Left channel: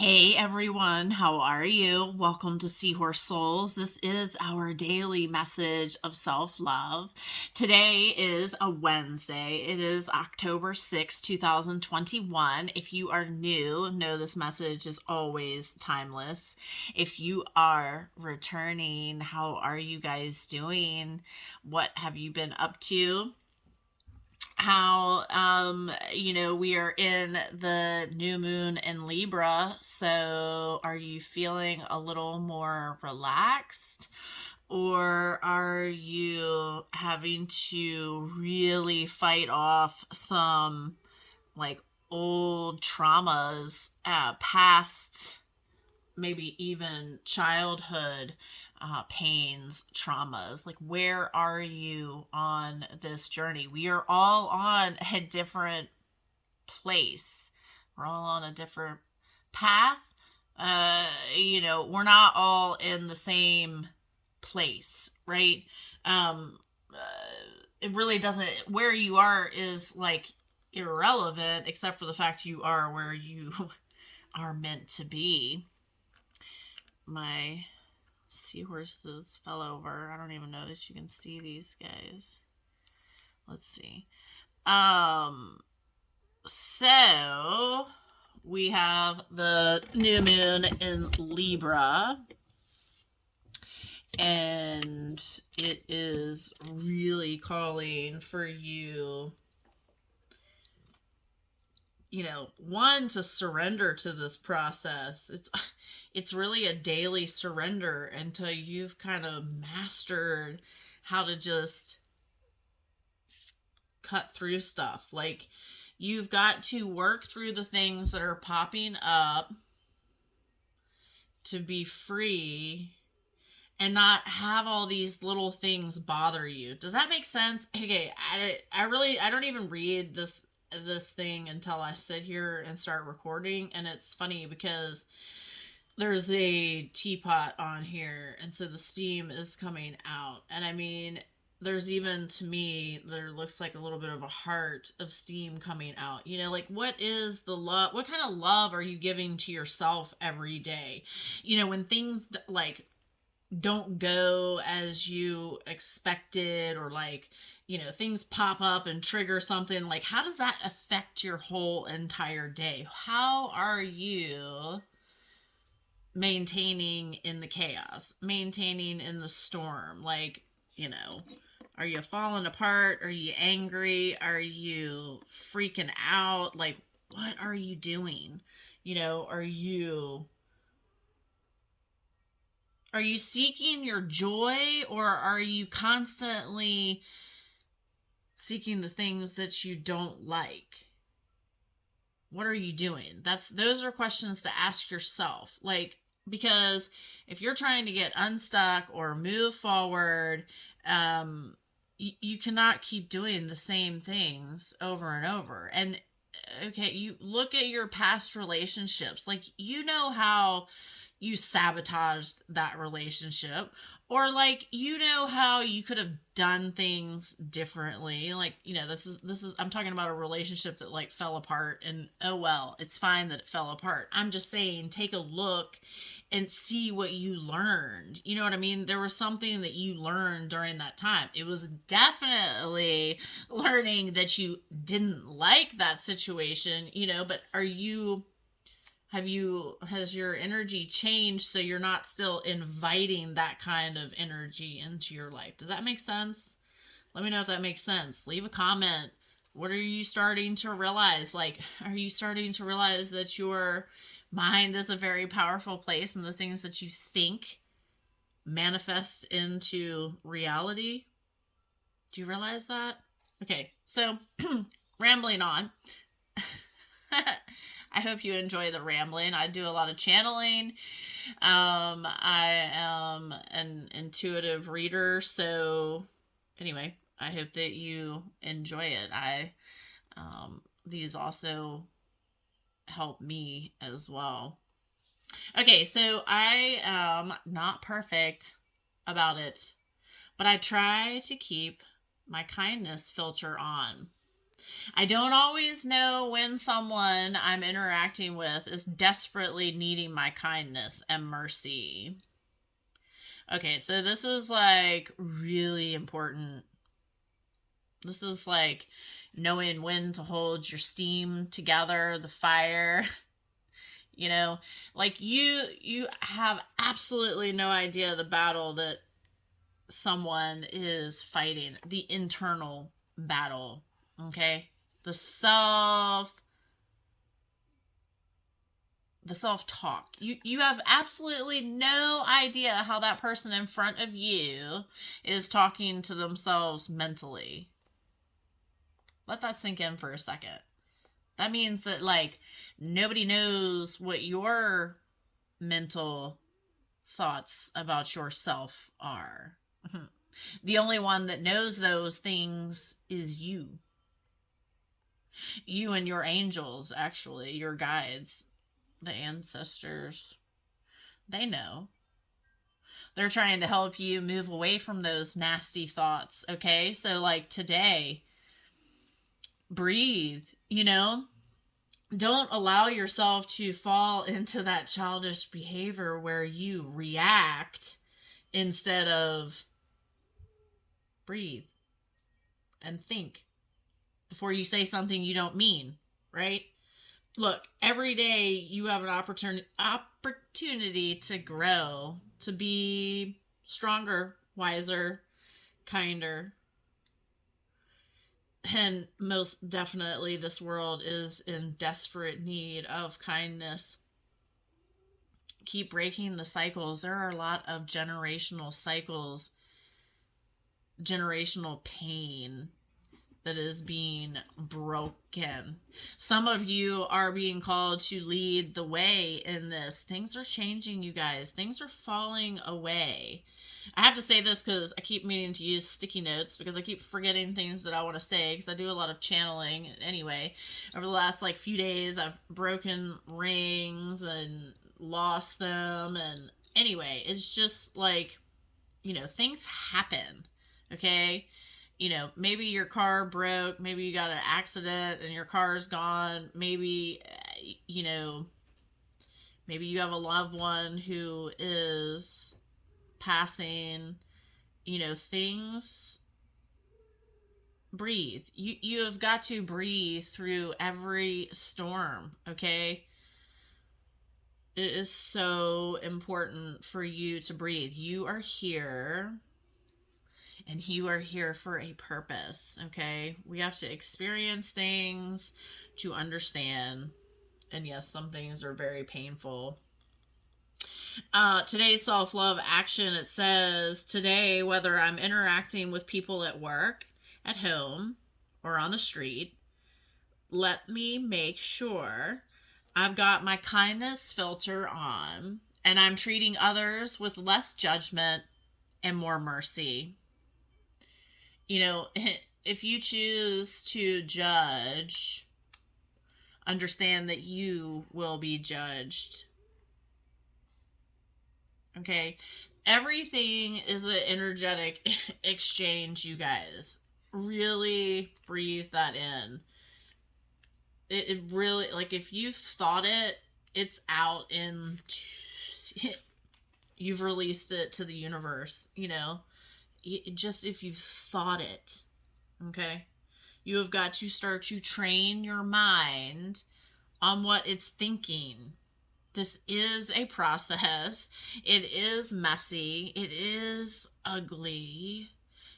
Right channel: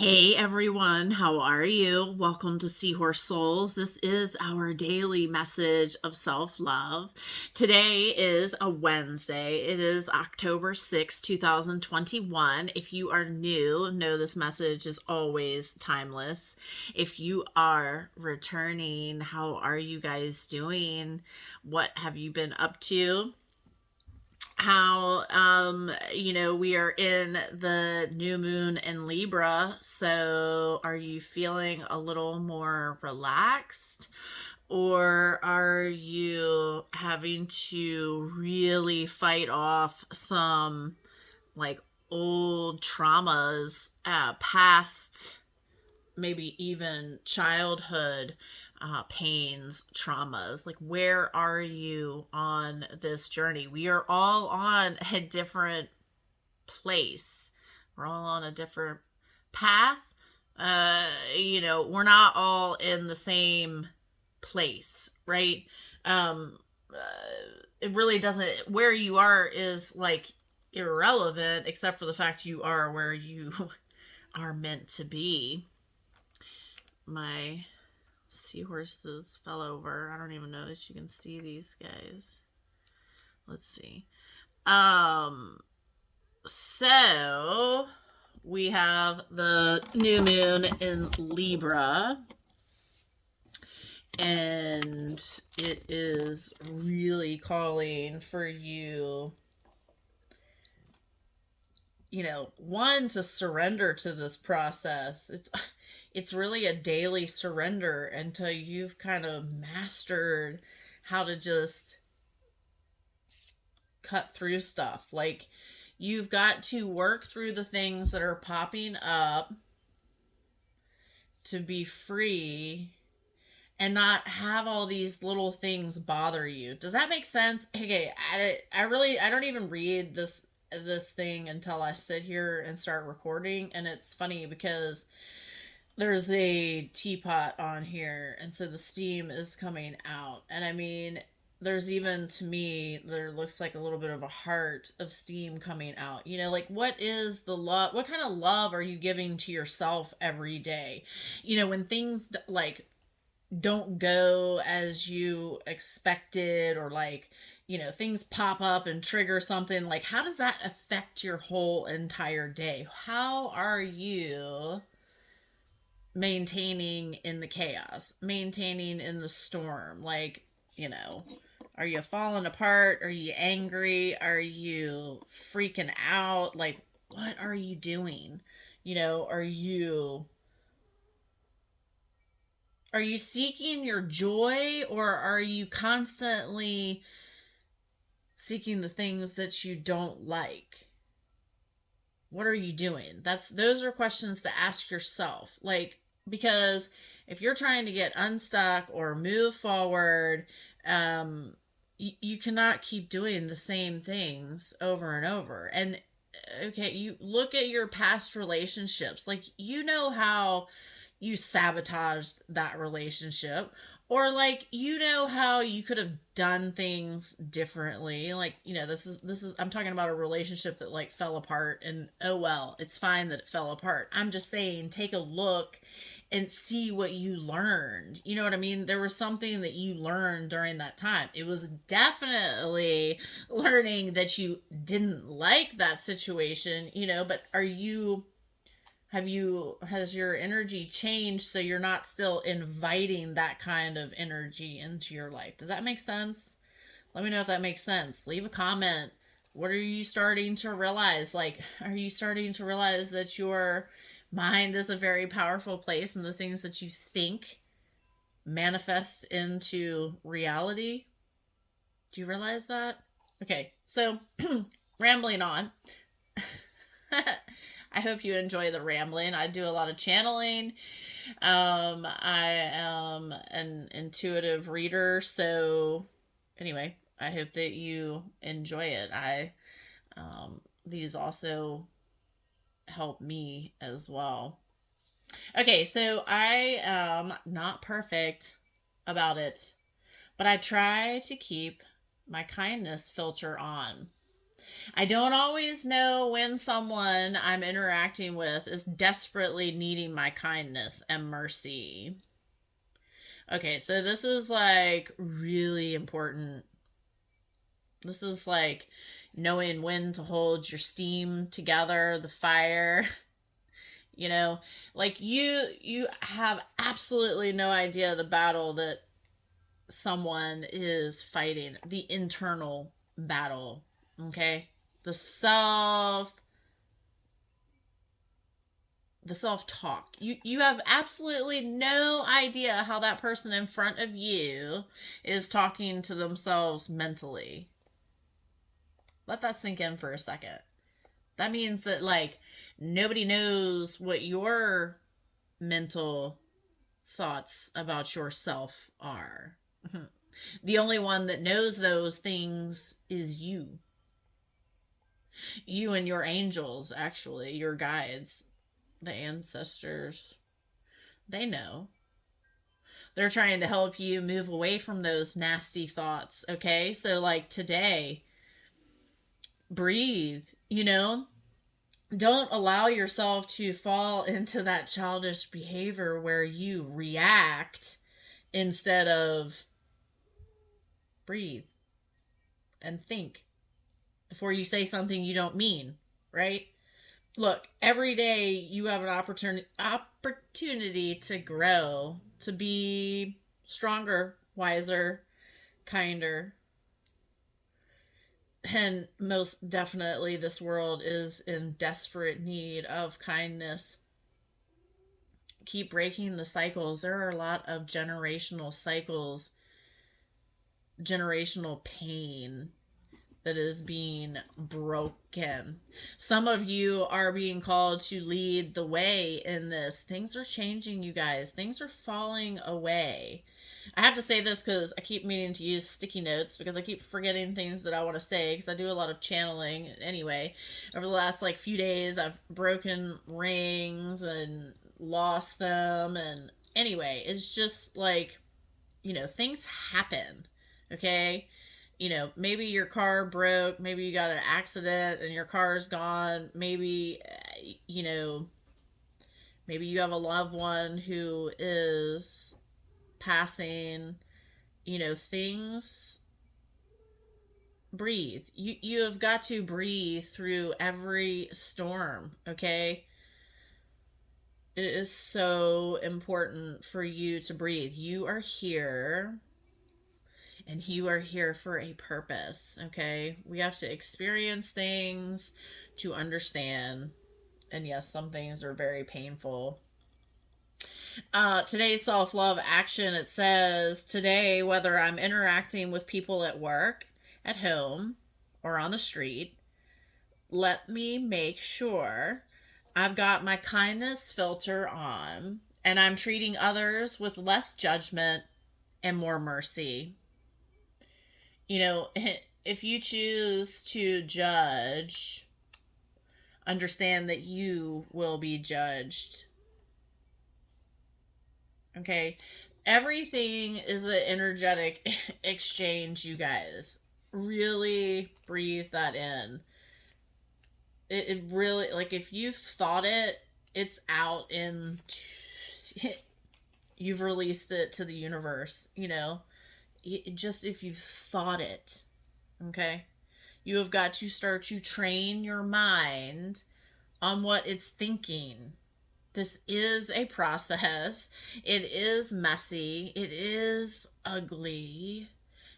Hey everyone, how are you? Welcome to Seahorse Souls. This is our daily message of self-love. Today is a Wednesday. It is October 6, 2021. If you are new, know this message is always timeless. If you are returning, how are you guys doing? What have you been up to? How we are in the new moon in Libra, so are you feeling a little more relaxed, or are you having to really fight off some like old traumas, past, maybe even childhood pains, traumas? Like, where are you on this journey? We are all on a different place. We're all on a different path. We're not all in the same place, right? It really doesn't, where you are is like irrelevant, except for the fact you are where you are meant to be. My seahorses fell over. I don't even know if you can see these guys. Let's see. So we have the new moon in Libra, and it is really calling for you, one, to surrender to this process. It's really a daily surrender until you've kind of mastered how to just cut through stuff. Like, you've got to work through the things that are popping up to be free and not have all these little things bother you. Does that make sense? Okay, I don't even read this thing until I sit here and start recording. And it's funny because there's a teapot on here, and so the steam is coming out. And I mean, there's even, to me, there looks like a little bit of a heart of steam coming out. Like, what is the love? What kind of love are you giving to yourself every day? When things like don't go as you expected, or like, things pop up and trigger something, like, how does that affect your whole entire day? How are you maintaining in the chaos, maintaining in the storm? Like, are you falling apart? Are you angry? Are you freaking out? Like, what are you doing? Are you seeking your joy, or are you constantly seeking the things that you don't like? What are you doing? Those are questions to ask yourself. Like, because if you're trying to get unstuck or move forward, you cannot keep doing the same things over and over. And okay, you look at your past relationships, like, how you sabotaged that relationship, or like, how you could have done things differently. Like, this is I'm talking about a relationship that like fell apart, and oh well, it's fine that it fell apart. I'm just saying, take a look and see what you learned. You know what I mean? There was something that you learned during that time. It was definitely learning that you didn't like that situation, but has your energy changed so you're not still inviting that kind of energy into your life? Does that make sense? Let me know if that makes sense. Leave a comment. What are you starting to realize? Like, are you starting to realize that your mind is a very powerful place, and the things that you think manifest into reality? Do you realize that? Okay, so rambling on. I hope you enjoy the rambling. I do a lot of channeling. I am an intuitive reader, so anyway, I hope that you enjoy it. These also help me as well. Okay, so I am not perfect about it, but I try to keep my kindness filter on. I don't always know when someone I'm interacting with is desperately needing my kindness and mercy. Okay, so this is like really important. This is like knowing when to hold your steam together, the fire. You know, like you have absolutely no idea the battle that someone is fighting, the internal battle, okay? The self talk. You have absolutely no idea how that person in front of you is talking to themselves mentally. Let that sink in for a second. That means that, like, nobody knows what your mental thoughts about yourself are. The only one that knows those things is you. You and your angels, actually, your guides, the ancestors. They know. They're trying to help you move away from those nasty thoughts, okay? So, like, today, breathe, you know? Don't allow yourself to fall into that childish behavior where you react instead of breathe and think before you say something you don't mean, right? Look, every day you have an opportunity to grow, to be stronger, wiser, kinder. And most definitely this world is in desperate need of kindness. Keep breaking the cycles. There are a lot of generational cycles, generational pain that is being broken. Some of you are being called to lead the way in this. Things are changing, you guys. Things are falling away. I have to say this because I keep meaning to use sticky notes because I keep forgetting things that I want to say because I do a lot of channeling. Anyway, over the last like few days, I've broken rings and lost them. And anyway, it's just like, you know, things happen. Okay. You know, maybe your car broke, maybe you got an accident and your car's gone, maybe, you know, maybe you have a loved one who is passing, you know, things. Breathe. You have got to breathe through every storm, okay? It is so important for you to breathe. You are here. And you are here for a purpose, okay? We have to experience things to understand. And yes, some things are very painful. Today's self-love action, it says, today, whether I'm interacting with people at work, at home, or on the street, let me make sure I've got my kindness filter on and I'm treating others with less judgment and more mercy. You know, if you choose to judge, understand that you will be judged. Okay? Everything is an energetic exchange, you guys. Really breathe that in. It really, like, if you've thought it, it's out in, you've released it to the universe, you know? Just if you've thought it, okay? You have got to start to train your mind on what it's thinking. This is a process. It is messy. It is ugly.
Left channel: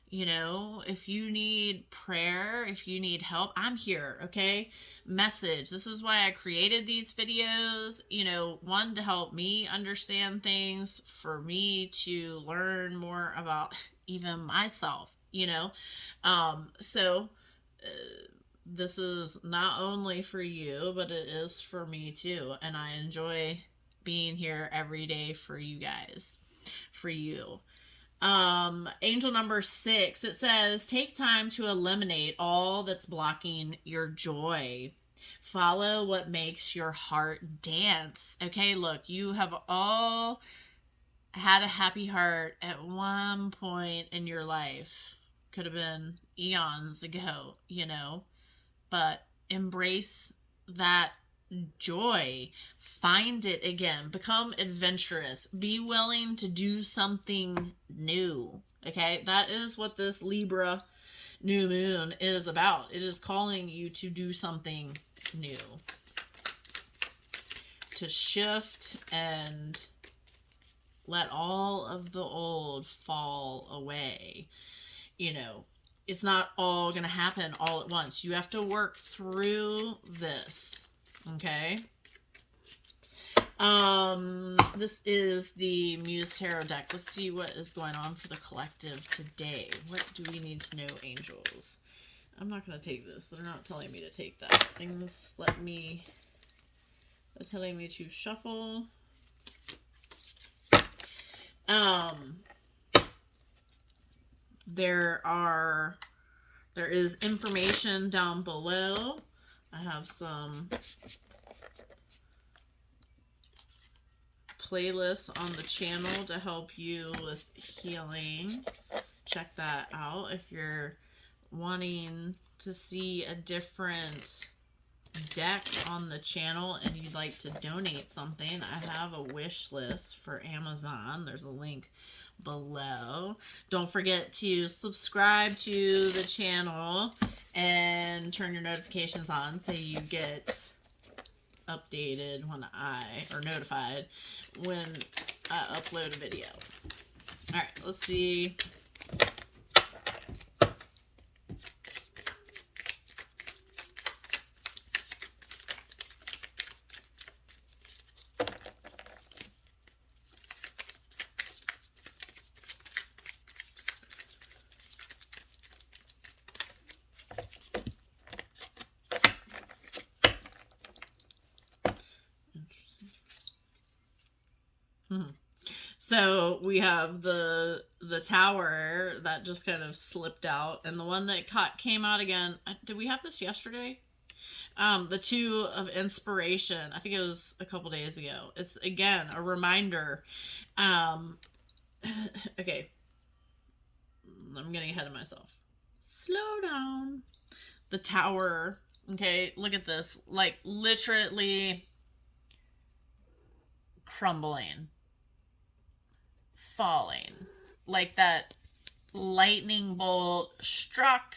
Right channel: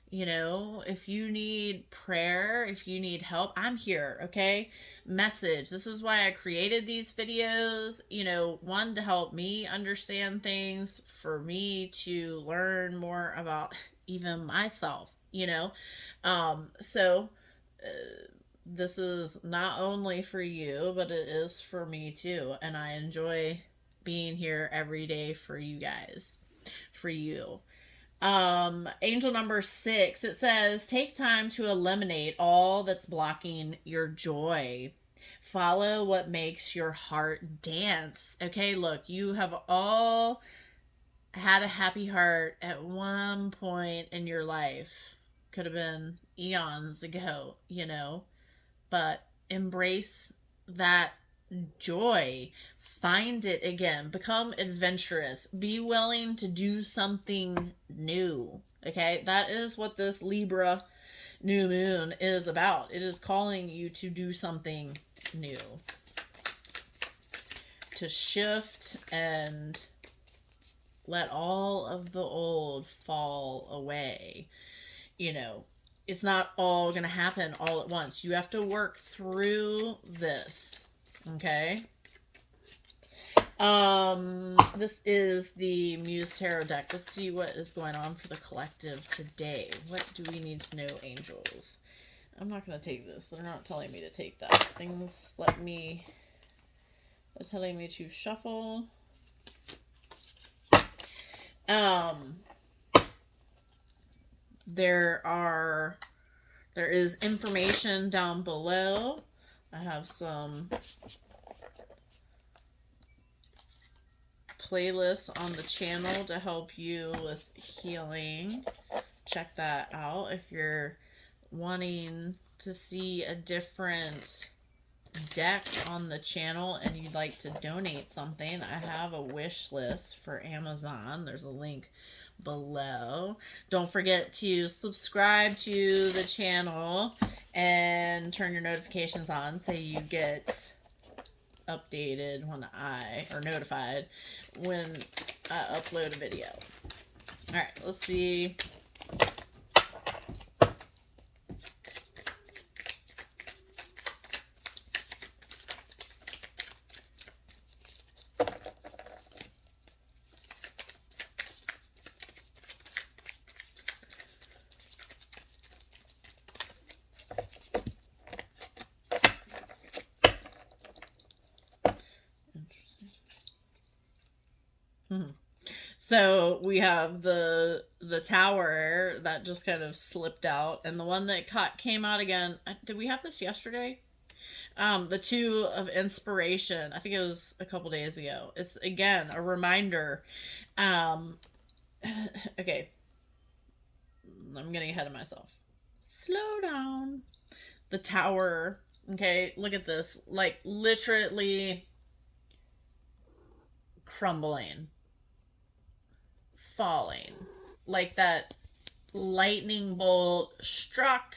You know, if you need prayer, if you need help, I'm here, okay? Message. This is why I created these videos, you know, one, to help me understand things, for me to learn more about even myself, you know? This is not only for you, but it is for me too. And I enjoy being here every day for you guys, for you. Angel number 6, it says, take time to eliminate all that's blocking your joy. Follow what makes your heart dance. Okay, look, you have all had a happy heart at one point in your life. Could have been eons ago, you know. but embrace that joy. Find it again. Become adventurous. Be willing to do something new. Okay? That is what this Libra new moon is about. It is calling you to do something new. To shift and let all of the old fall away. You know, it's not all going to happen all at once. You have to work through this. Okay? This is the Muse Tarot deck. Let's see what is going on for the collective today. What do we need to know, angels? I'm not going to take this. They're not telling me to take that. Things they're telling me to shuffle. There is information down below. I have some playlists on the channel to help you with healing. Check that out if you're wanting to see a different deck on the channel and you'd like to donate something. I have a wish list for Amazon. There's a link below. Don't forget to subscribe to the channel and turn your notifications on so you get updated notified when I upload a video. All right, let's see. So we have the tower that just kind of slipped out, and the one that came out again. Did we have this yesterday? The two of inspiration. I think it was a couple days ago. It's again a reminder. Okay, I'm getting ahead of myself. Slow down. The tower. Okay, look at this. Like literally crumbling. Falling. Like that lightning bolt struck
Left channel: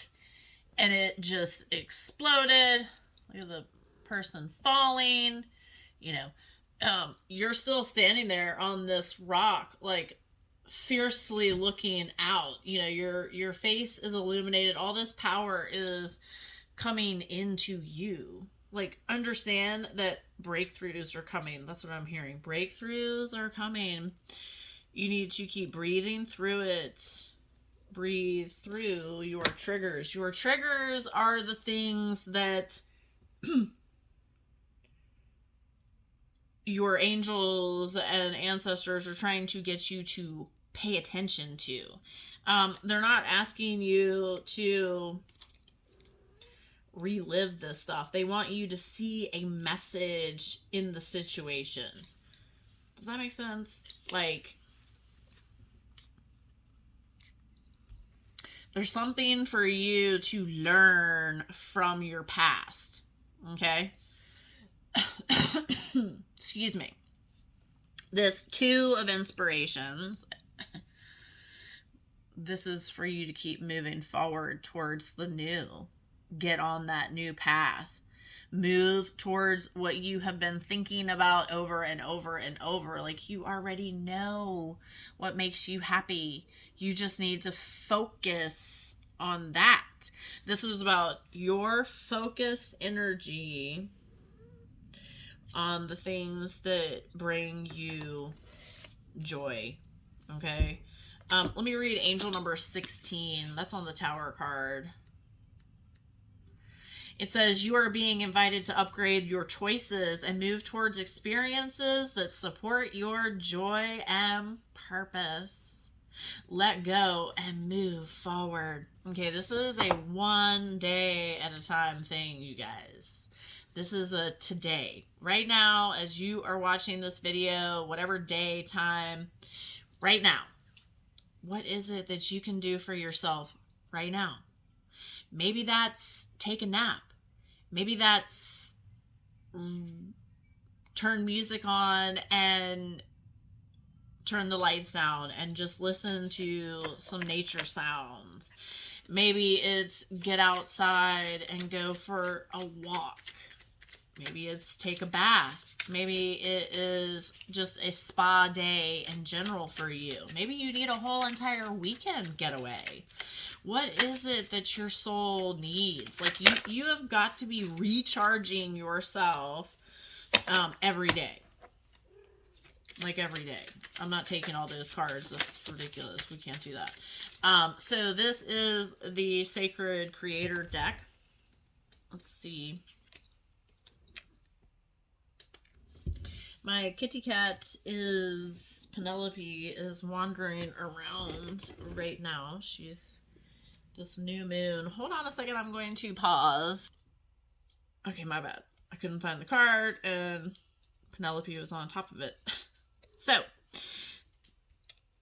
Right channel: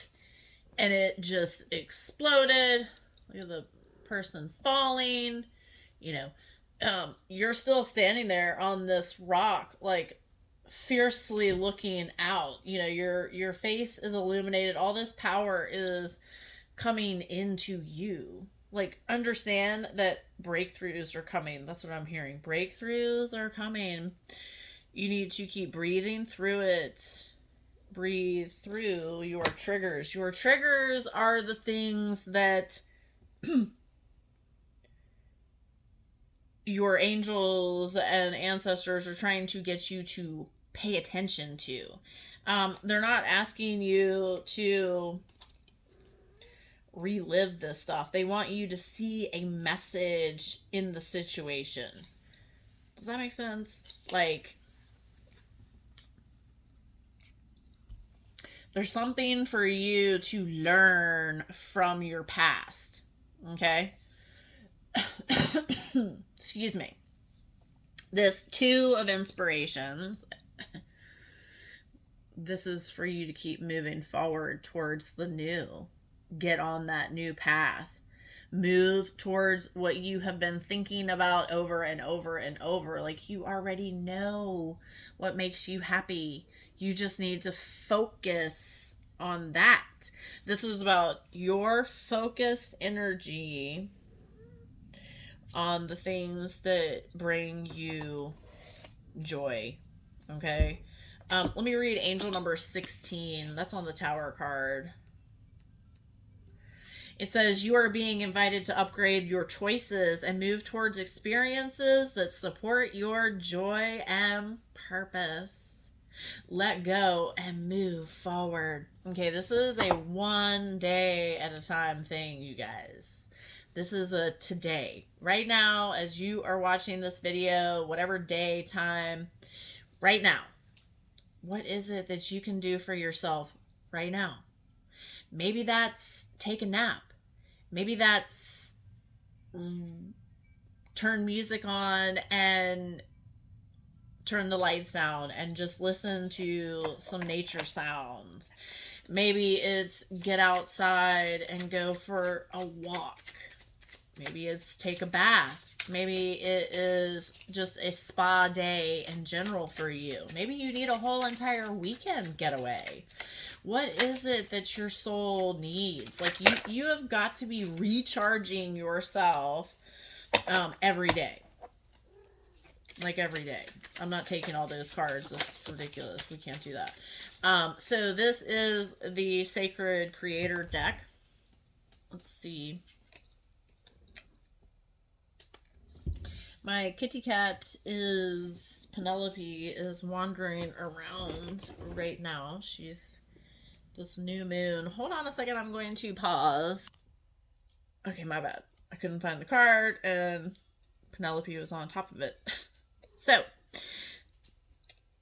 and it just exploded. Look at the person falling. You know, you're still standing there on this rock, like fiercely looking out. You know, your face is illuminated. All this power is coming into you. Like, understand that breakthroughs are coming. That's what I'm hearing. Breakthroughs are coming. You need to keep breathing through it. Breathe through your triggers. Your triggers are the things that your angels and ancestors are trying to get you to pay attention to. They're not asking you to relive this stuff. They want you to see a message in the situation. Does that make sense? Like, there's something for you to learn from your past. Okay? Excuse me. This two of inspirations. This is for you to keep moving forward towards the new. Get on that new path. Move towards what you have been thinking about over and over and over. Like, you already know what makes you happy. You just need to focus on that. This is about your focused energy on the things that bring you joy. Okay? Let me read angel number 16. That's on the Tower card. It says, you are being invited to upgrade your choices and move towards experiences that support your joy and purpose. Let go and move forward. Okay, this is a 1 day at a time thing, you guys. This is a today. Right now, as you are watching this video, whatever day, time, right now, what is it that you can do for yourself right now? Maybe that's take a nap. Maybe that's turn music on and turn the lights down and just listen to some nature sounds. Maybe it's get outside and go for a walk. Maybe it's take a bath. Maybe it is just a spa day in general for you. Maybe you need a whole entire weekend getaway. What is it that your soul needs? Like, you have got to be recharging yourself every day. Like, every day. I'm not taking all those cards. That's ridiculous. We can't do that. So this is the Sacred Creator deck. Let's see. My kitty cat is, Penelope, is wandering around right now. She's this new moon. Hold on a second. I'm going to pause. Okay, my bad. I couldn't find the card and Penelope was on top of it. So,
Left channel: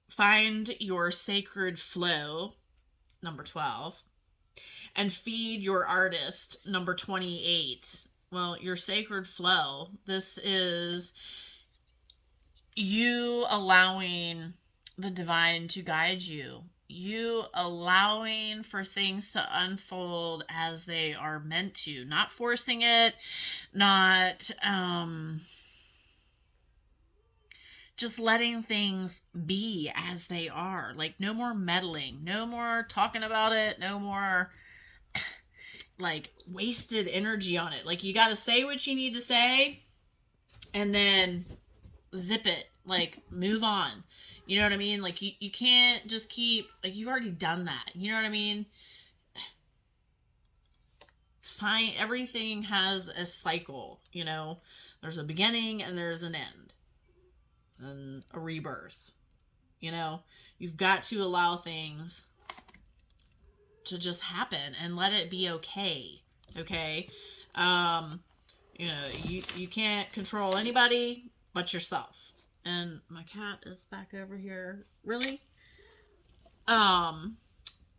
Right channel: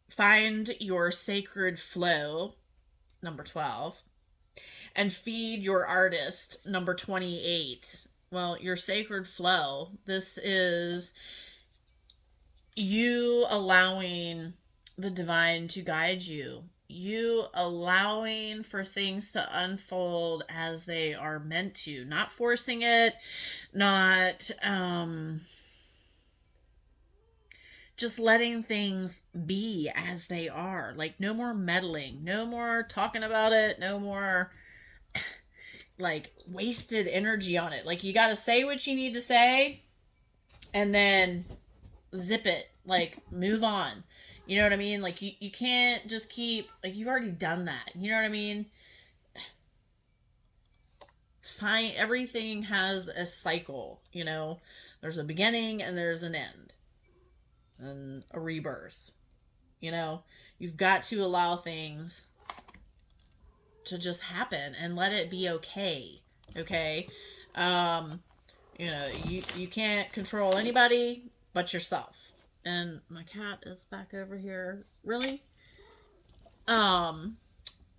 find your sacred flow, number 12, and feed your artist, number 28. Well, your sacred flow, this is you allowing the divine to guide you. You allowing for things to unfold as they are meant to. Not forcing it, not just letting things be as they are. Like, no more meddling, no more talking about it, no more like wasted energy on it. Like, you got to say what you need to say and then zip it, like move on. You know what I mean? Like, you can't just keep, like, you've already done that. You know what I mean? Fine. Everything has a cycle, you know, there's a beginning and there's an end and a rebirth. You know, you've got to allow things to just happen and let it be okay. Okay. You know, you can't control anybody but yourself. And my cat is back over here. Really?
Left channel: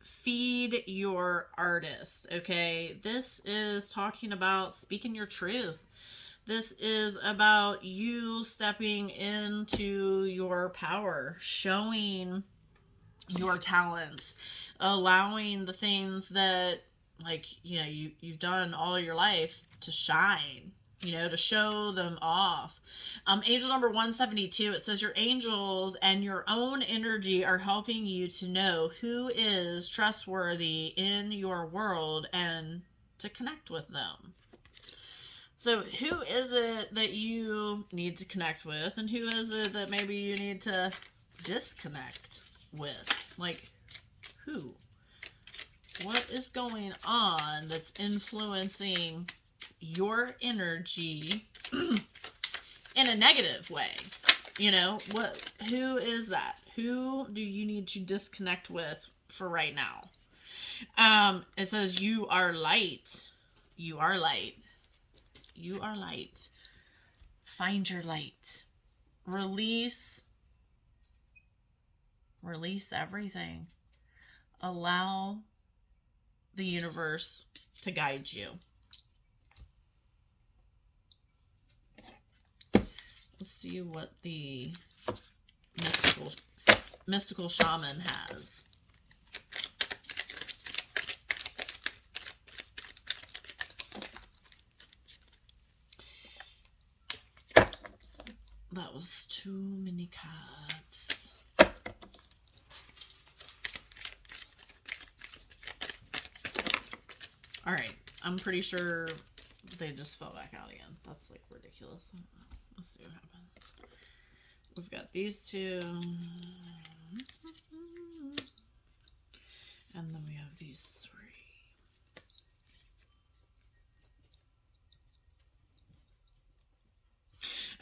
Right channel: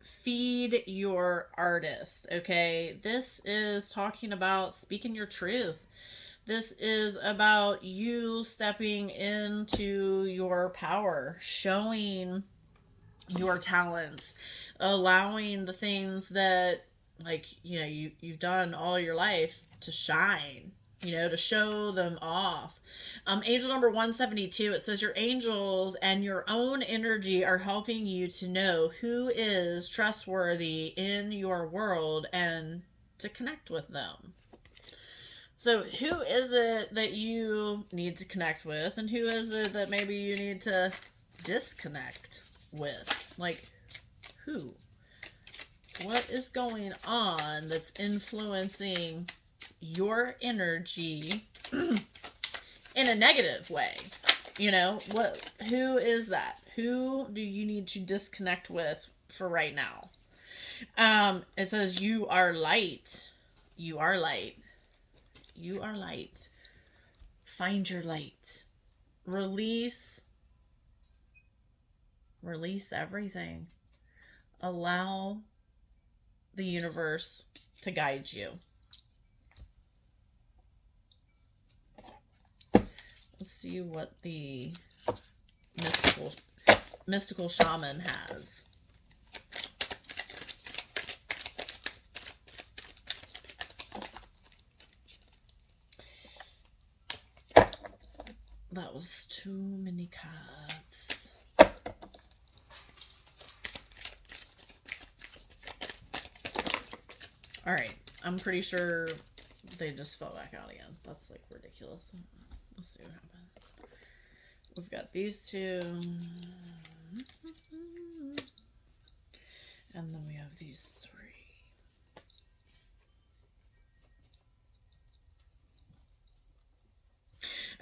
Feed your artist. Okay. This is talking about speaking your truth. This is about you stepping into your power, showing your talents, allowing the things that, like, you know, you've done all your life to shine, you know, to show them off. Angel number 172, it says your angels and your own energy are helping you to know who is trustworthy in your world and to connect with them. So who is it that you need to connect with, and who is it that maybe you need to disconnect with? Like, who? What is going on that's influencing your energy in a negative way? You know, who is that? Who do you need to disconnect with for right now? It says you are light. You are light. You are light. Find your light. Release everything. Allow the universe to guide you. Let's see what the mystical shaman has. That was too many cards. All right, I'm pretty sure they just fell back out again. That's like ridiculous. Let's see what happens. We've got these two. And then we have these three.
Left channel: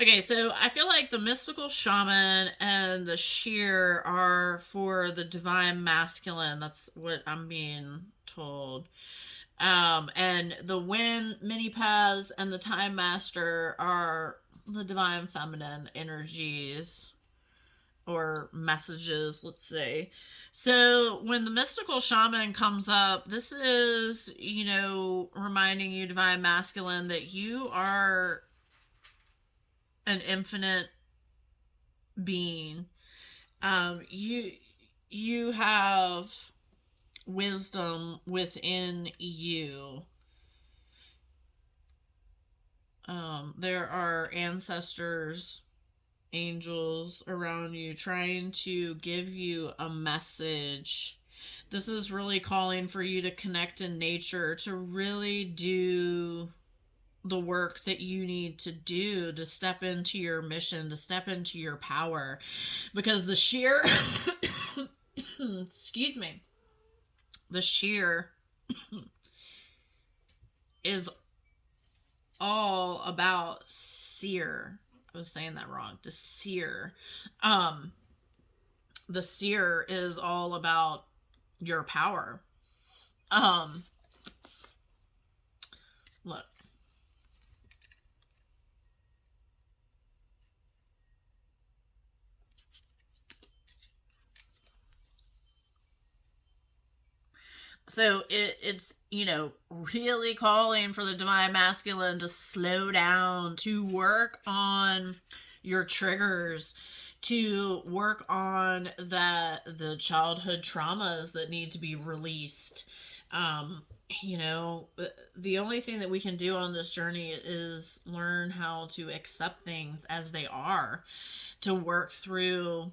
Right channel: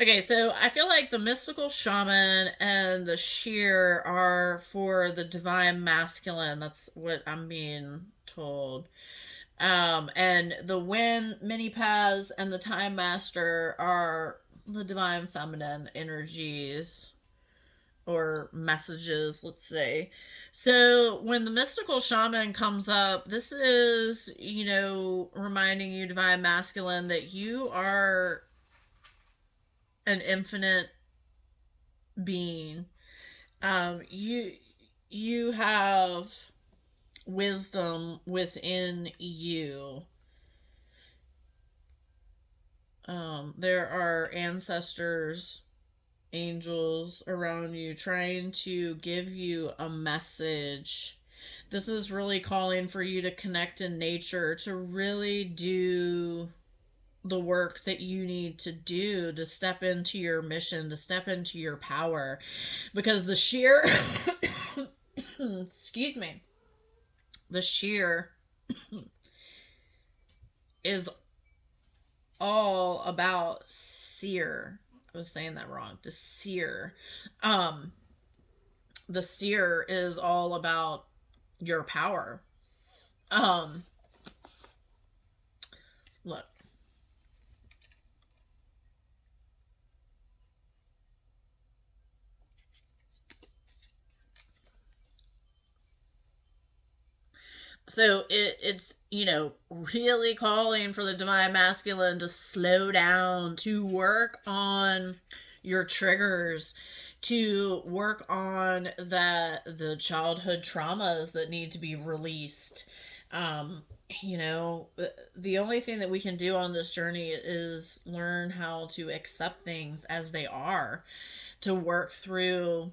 Okay, so I feel like the mystical shaman and the sheer are for the divine masculine. That's what I'm being told. And the wind mini paths and the time master are the divine feminine energies. or messages, let's say. So when the mystical shaman comes up, this is, reminding you, divine masculine, that you are an infinite being. You have wisdom within you. There are ancestors, angels around you trying to give you a message. This is really calling for you to connect in nature, to really do the work that you need to do to step into your mission, to step into your power. Because the sheer excuse me, the sheer is all about seer. I was saying that wrong. The seer. The seer is all about your power. Look. So it's, really calling for the divine masculine to slow down, to work on your triggers, to work on the childhood traumas that need to be released. The only thing that we can do on this journey is learn how to accept things as they are, to work through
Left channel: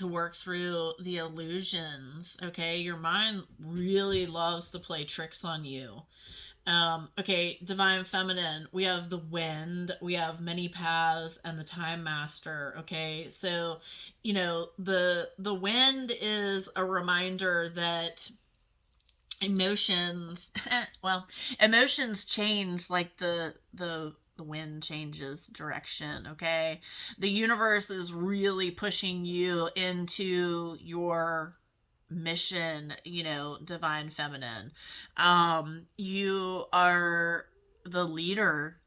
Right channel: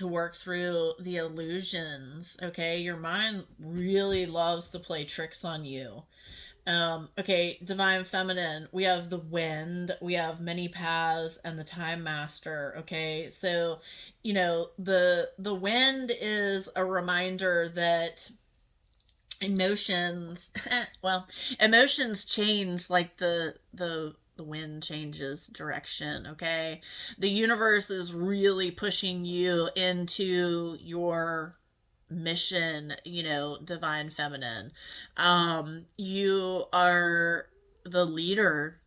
the illusions. Okay, your mind really loves to play tricks on you. Okay, divine feminine, we have the wind, we have many paths, and the time master. Okay, so the wind is a reminder that emotions emotions change like the wind changes direction. Okay, the universe is really pushing you into your mission, divine feminine. You are the leader.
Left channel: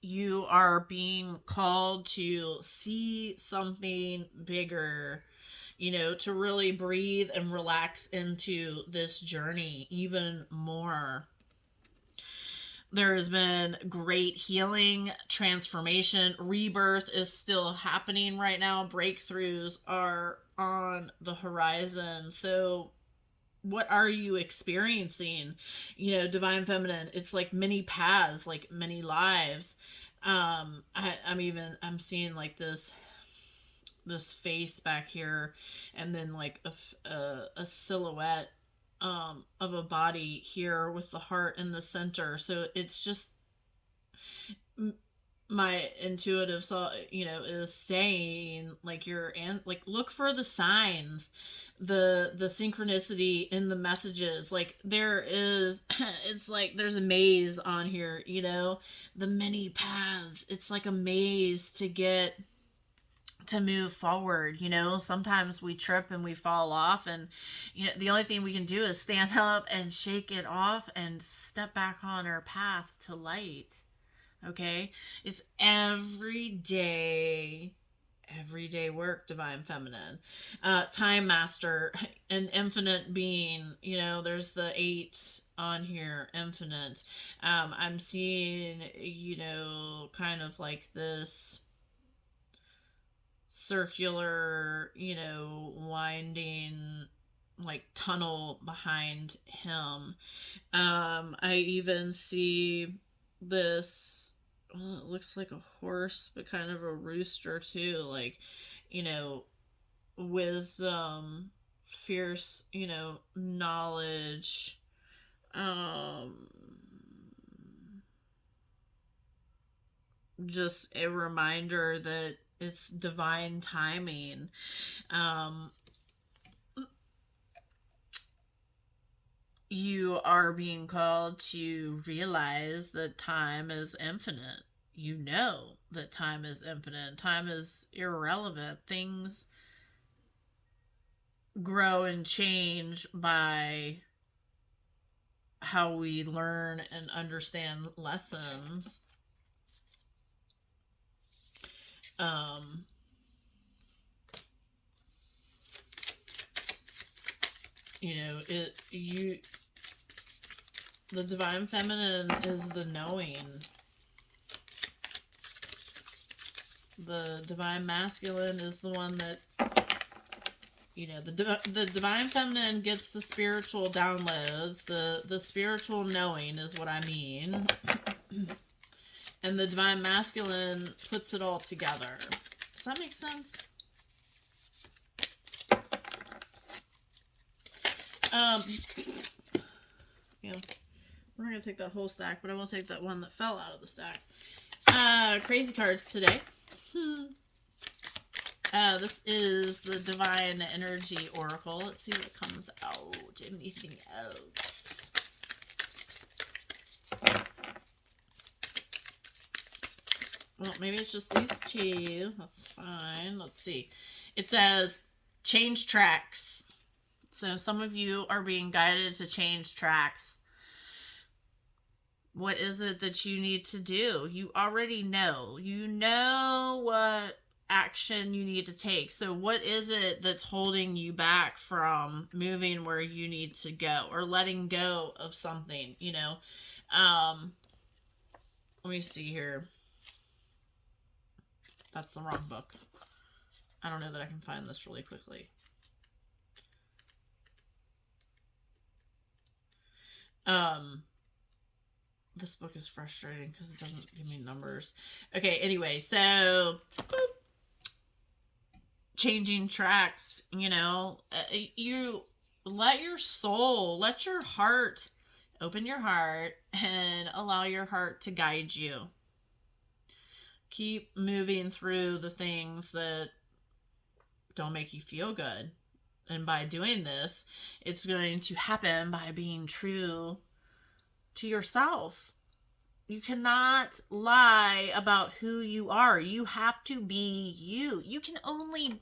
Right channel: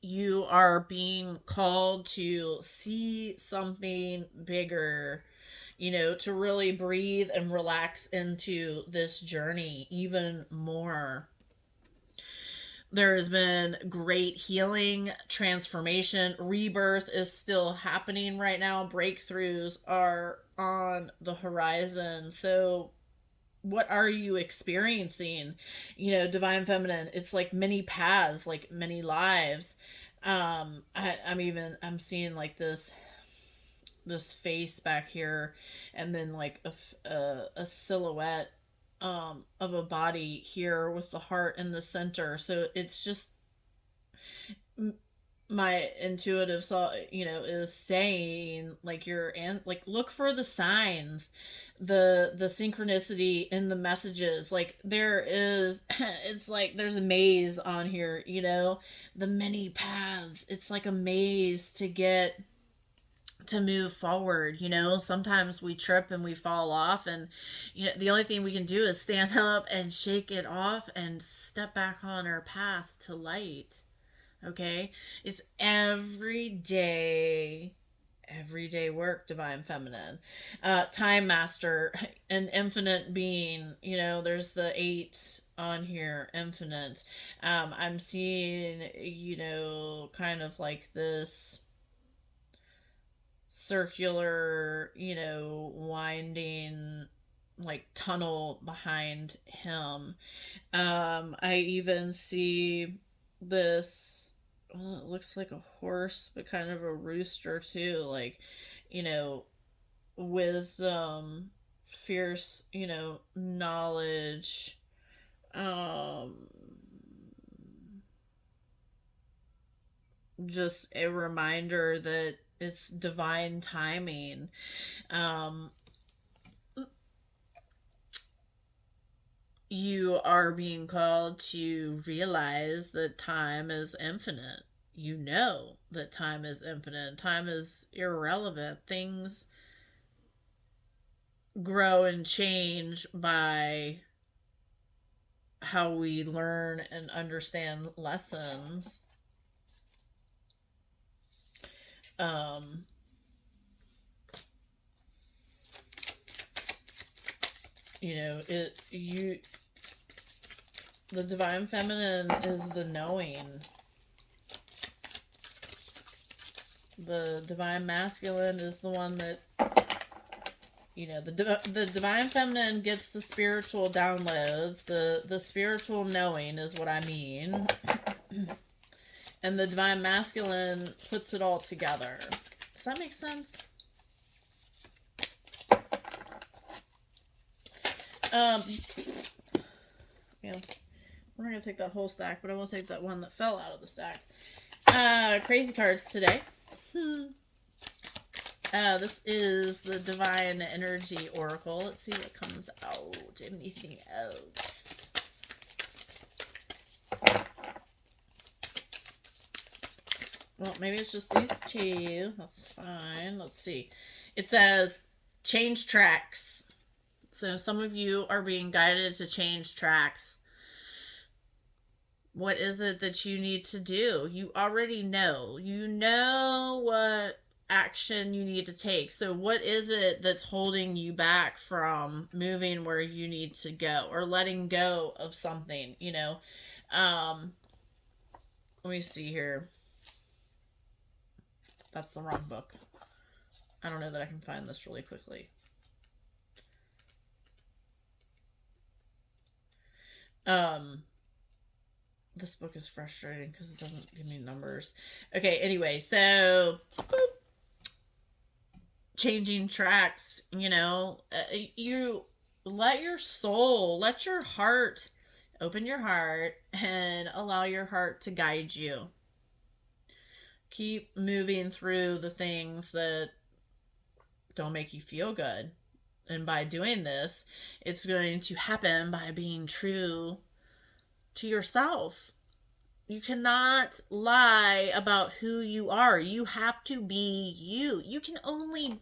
You are being called to see something bigger, to really breathe and relax into this journey even more. There has been great healing, transformation, rebirth is still happening right now. Breakthroughs are on the horizon. So what are you experiencing? Divine feminine, it's like many paths, like many lives. I'm seeing like this face back here, and then like a silhouette of a body here with the heart in the center. So it's just my intuitive soul, is saying like like look for the signs, the synchronicity in the messages. Like there is it's like there's a maze on here, the many paths. It's like a maze to move forward. Sometimes we trip and we fall off, and the only thing we can do is stand up and shake it off and step back on our path to light. Okay, it's everyday work, divine feminine. Time master, an infinite being. There's the 8 on here, infinite. I'm seeing, kind of like this circular, winding like tunnel behind him. I even see this, well, it looks like a horse, but kind of a rooster too. Like, wisdom, fierce, knowledge. Just a reminder that it's divine timing. You are being called to realize that time is infinite. That time is infinite. Time is irrelevant. Things grow and change by how we learn and understand lessons. You know, the divine feminine is the knowing. The divine masculine is the one that, you know, the divine feminine gets the spiritual downloads. The spiritual knowing is what I mean. And the divine masculine puts it all together. Does that make sense? Yeah. We're not going to take that whole stack, but I will take that one that fell out of the stack. Crazy cards today. This is the Divine Energy Oracle. Let's see what comes out. Anything else? Well, maybe it's just these two. That's fine. Let's see. It says, change tracks. So some of you are being guided to change tracks. What is it that you need to do? You already know. You know what action you need to take. So what is it that's holding you back from moving where you need to go, or letting go of something, you know? Let me see here. That's the wrong book. I don't know that I can find this really quickly. This book is frustrating because it doesn't give me numbers. Okay, anyway, so changing tracks, you know, you let your soul, let your heart, open your heart and allow your heart to guide you. Keep moving through the things that don't make you feel good. And by doing this, it's going to happen by being true to yourself. You cannot lie about who you are. You have to be you. You can only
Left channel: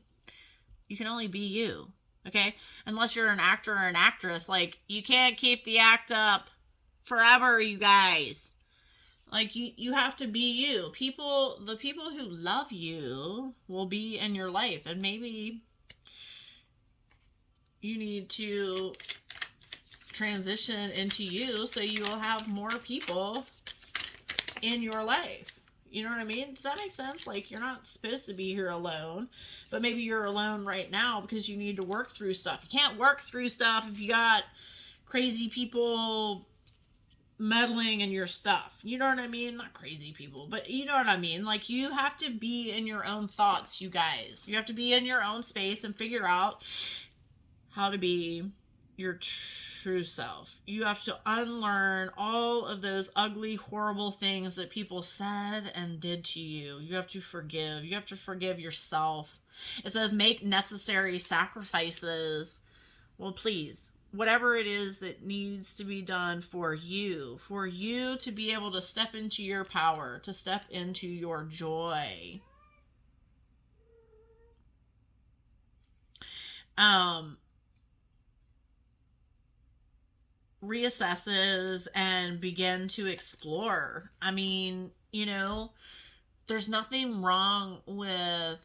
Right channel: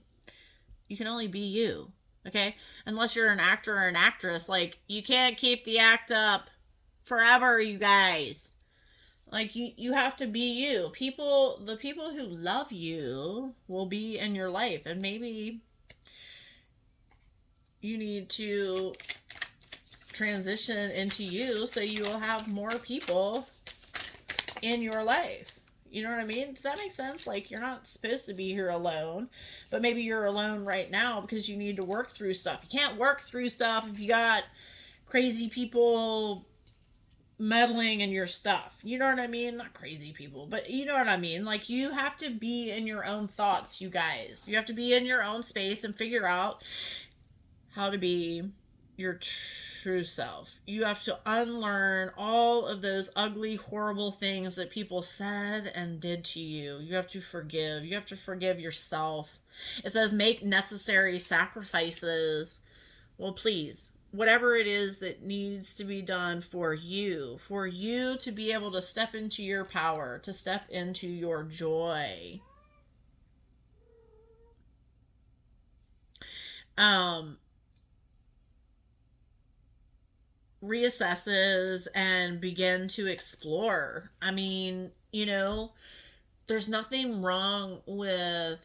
be you. Okay? Unless you're an actor or an actress, like, you can't keep the act up forever, you guys. Like, you have to be you. The people who love you will be in your life, and maybe you need to transition into you so you will have more people in your life. You know what I mean? Does that make sense? Like, you're not supposed to be here alone, but maybe you're alone right now because you need to work through stuff. You can't work through stuff if you got crazy people meddling in your stuff. You know what I mean? Not crazy people, but you know what I mean? Like, you have to be in your own thoughts, you guys. You have to be in your own space and figure out how to be your true self. You have to unlearn all of those ugly, horrible things that people said and did to you. You have to forgive. You have to forgive yourself. It says make necessary sacrifices. Well, please, whatever it is that needs to be done for you to be able to step into your power, to step into your joy. Reassesses and begin to explore. I mean, you know, there's nothing wrong with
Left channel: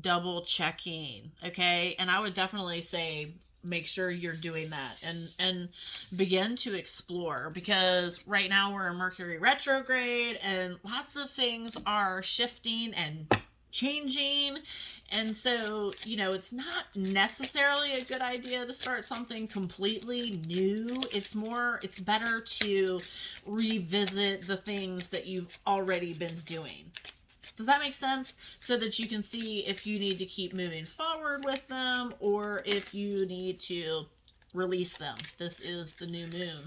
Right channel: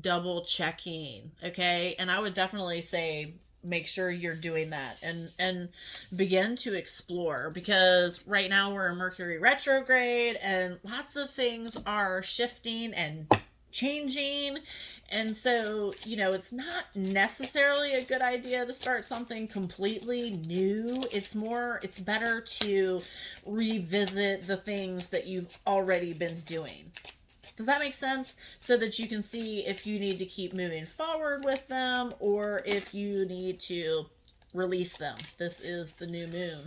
double checking, okay? And I would definitely say make sure you're doing that and begin to explore, because right now we're in Mercury retrograde and lots of things are shifting and changing, and so, you know, it's not necessarily a good idea to start something completely new. It's better to revisit the things that you've already been doing. Does that make sense? So that you can see if you need to keep moving forward with them or if you need to release them. This is the new moon.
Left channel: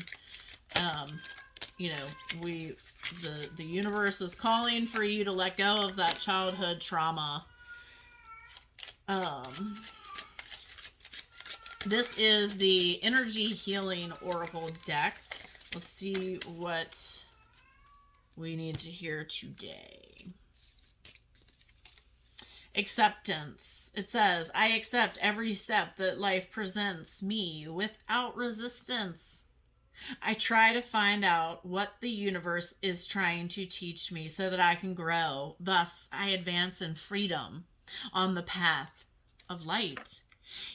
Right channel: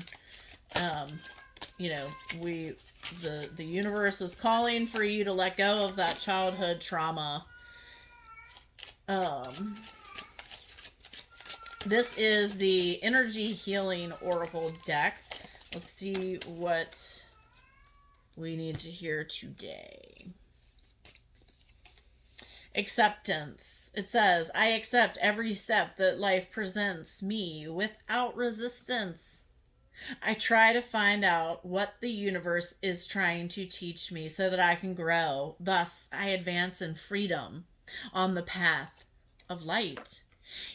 You know, the universe is calling for you to let go of that childhood trauma. This is the Energy Healing Oracle deck. Let's see what we need to hear today. Acceptance. It says, I accept every step that life presents me without resistance. I try to find out what the universe is trying to teach me so that I can grow. Thus, I advance in freedom on the path of light.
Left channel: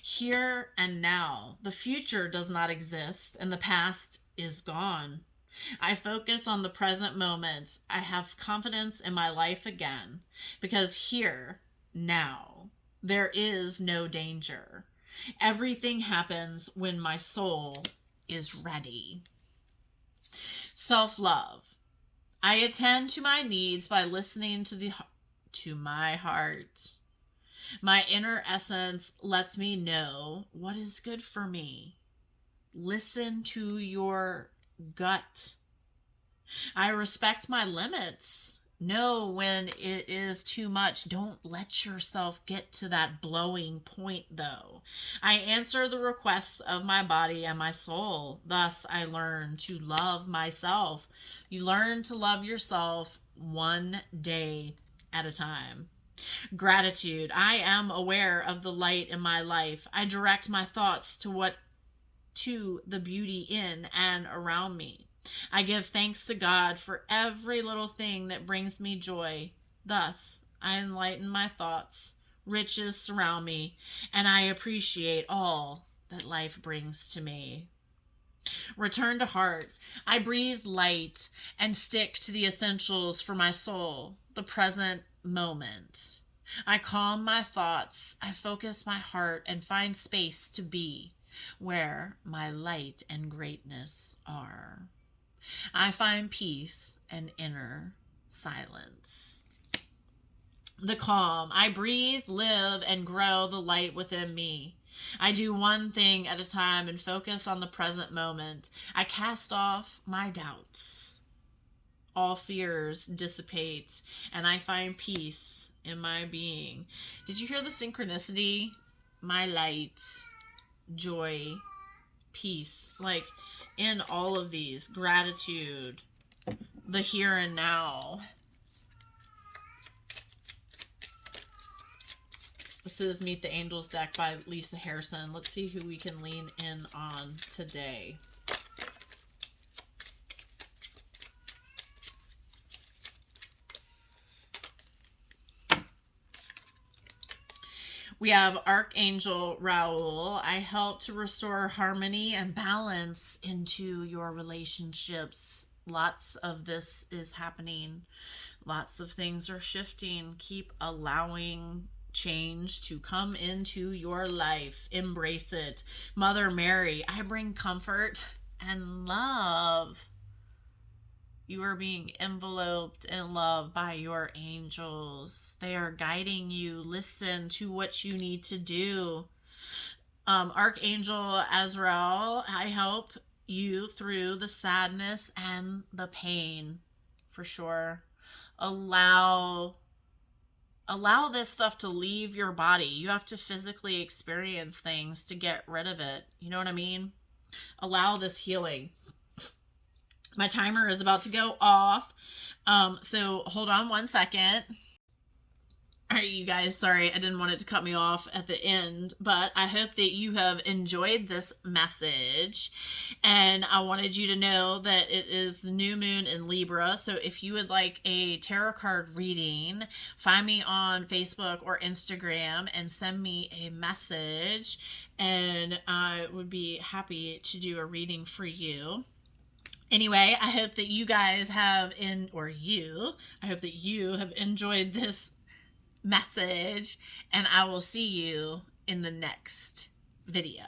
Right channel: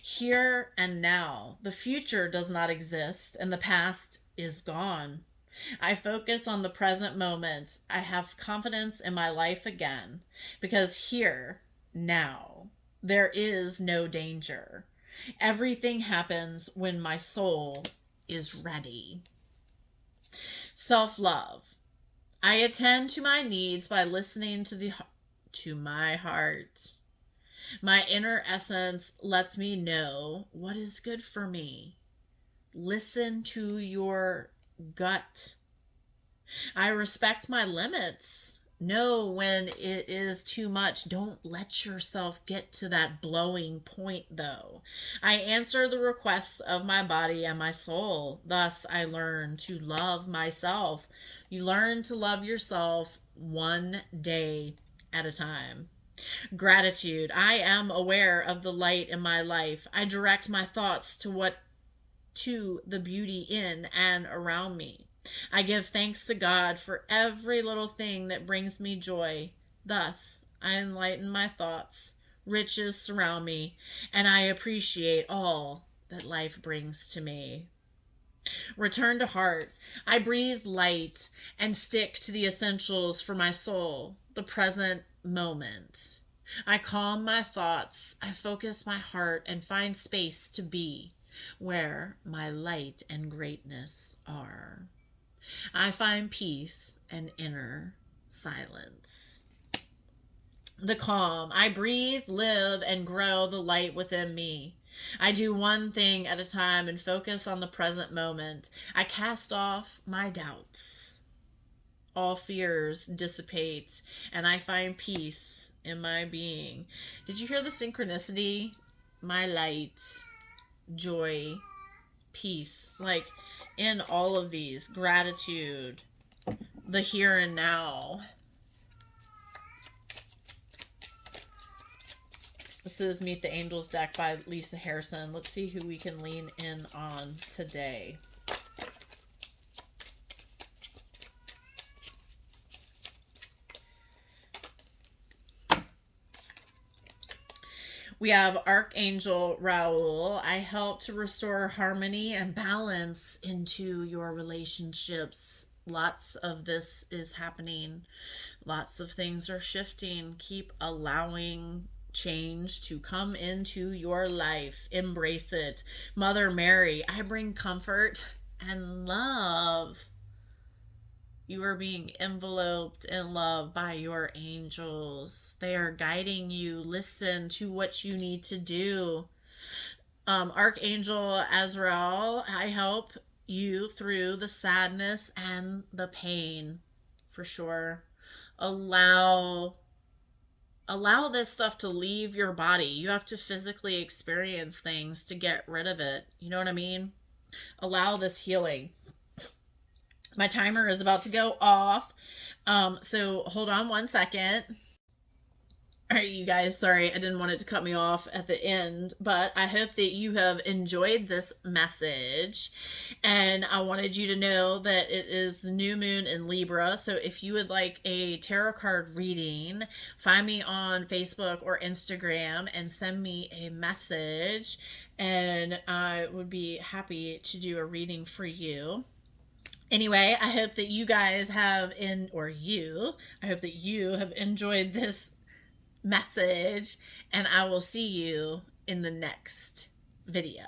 Here and now. The future does not exist and the past is gone. I focus on the present moment. I have confidence in my life again because here, now, there is no danger. Everything happens when my soul is ready. Self-love. I attend to my needs by listening to my heart. My inner essence lets me know what is good for me. Listen to your gut. I respect my limits. Know when it is too much. Don't let yourself get to that blowing point, though. I answer the requests of my body and my soul. Thus, I learn to love myself. You learn to love yourself one day at a time. Gratitude. I am aware of the light in my life. I direct my thoughts to the beauty in and around me. I give thanks to God for every little thing that brings me joy. Thus, I enlighten my thoughts. Riches surround me, and I appreciate all that life brings to me. Return to heart. I breathe light and stick to the essentials for my soul, the present moment. I calm my thoughts. I focus my heart and find space to be where my light and greatness are. I find peace and inner silence. The calm. I breathe, live, and grow the light within me. I do one thing at a time and focus on the present moment. I cast off my doubts. All fears dissipate, and I find peace in my being. Did you hear the synchronicity? My light, joy, peace. Like, in all of these, gratitude, the here and now. This is Meet the Angels deck by Lisa Harrison. Let's see who we can lean in on today. We have Archangel Raoul. I help to restore harmony and balance into your relationships. Lots of this is happening. Lots of things are shifting. Keep allowing change to come into your life. Embrace it. Mother Mary, I bring comfort and love. You are being enveloped in love by your angels. They are guiding you. Listen to what you need to do. Archangel Azrael, I help you through the sadness and the pain, for sure. Allow this stuff to leave your body. You have to physically experience things to get rid of it. You know what I mean? Allow this healing. My timer is about to go off. So hold on one second. All right, you guys, sorry, I didn't want it to cut me off at the end, but I hope that you have enjoyed this message. And I wanted you to know that it is the new moon in Libra. So if you would like a tarot card reading, find me on Facebook or Instagram and send me a message. And I would be happy to do a reading for you. Anyway, I hope that you guys have I hope that you have enjoyed this message, and I will see you in the next video.